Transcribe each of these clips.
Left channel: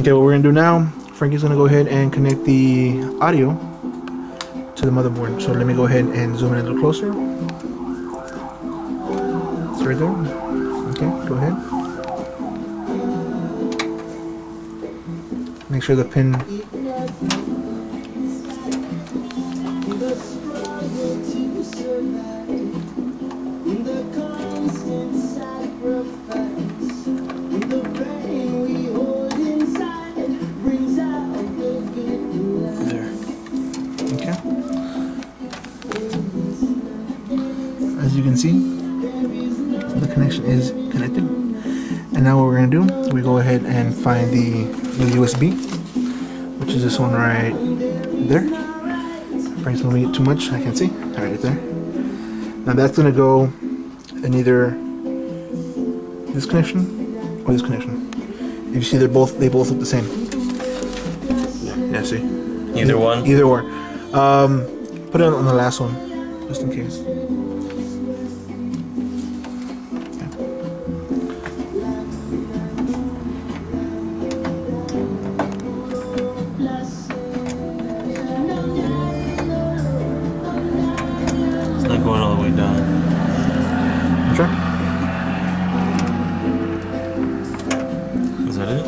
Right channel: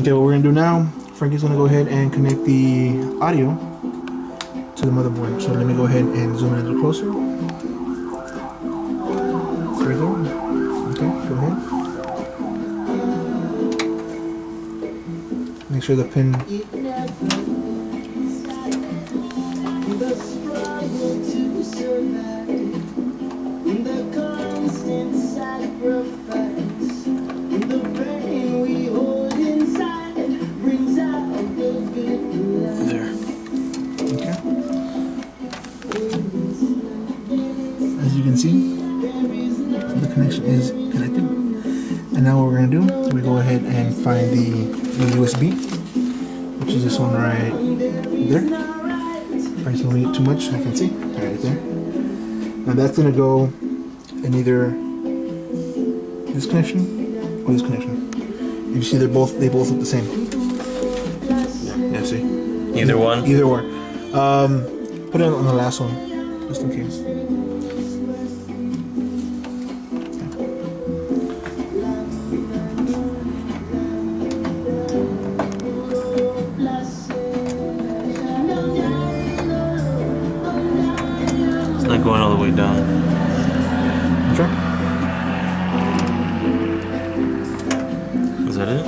Okay, what we're gonna do now, Frankie's gonna go ahead and connect the audio to the motherboard. So let me go ahead and zoom in a little closer. It's right there. Okay, go ahead. Make sure the pin. As you can see, the connection is connected. And now what we're going to do, we go ahead and find the USB, which is this one right there. Frank's moving it too much, I can see. Right there. Now that's going to go in either this connection or this connection. If you see, they both look the same. Yeah, see. Either one? Either or. Put it on the last one, just in case. It's not going all the way down. Sure. Is that it?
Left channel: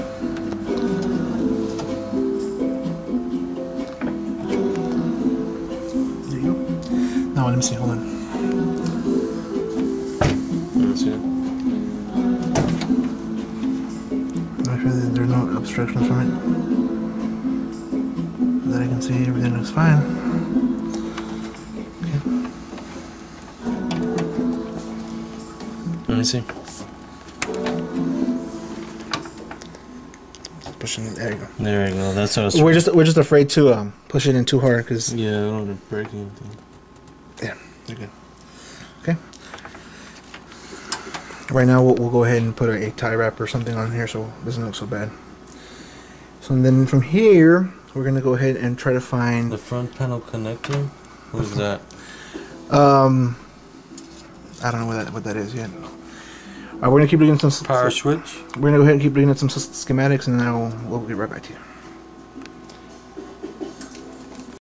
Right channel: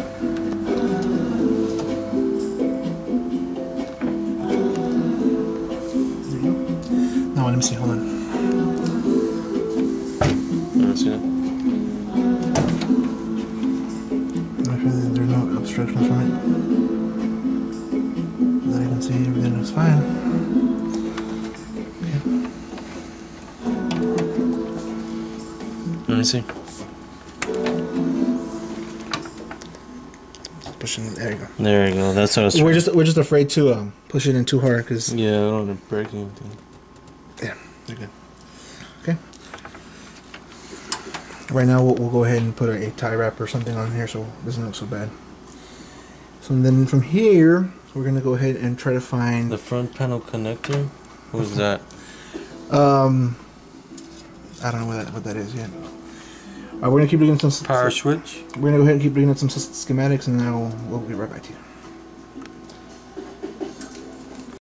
There you go. Now let me see, hold on. Let's see. Make sure that there's no obstructions from it. That I can see everything looks fine. Okay. Let me see. Just pushing it. There you go. There you go. That's how it's. We're just afraid to push it in too hard because Yeah, I don't want to break anything. yeah, they're good. Okay. Right now we'll go ahead and put a tie wrap or something on here so it doesn't look so bad. So then from here we're gonna go ahead and try to find The front panel connector? What is that? I don't know what that is yet. We're gonna keep looking at some Power switch? We're gonna go ahead and keep looking at some schematics, and then we'll get right back to you.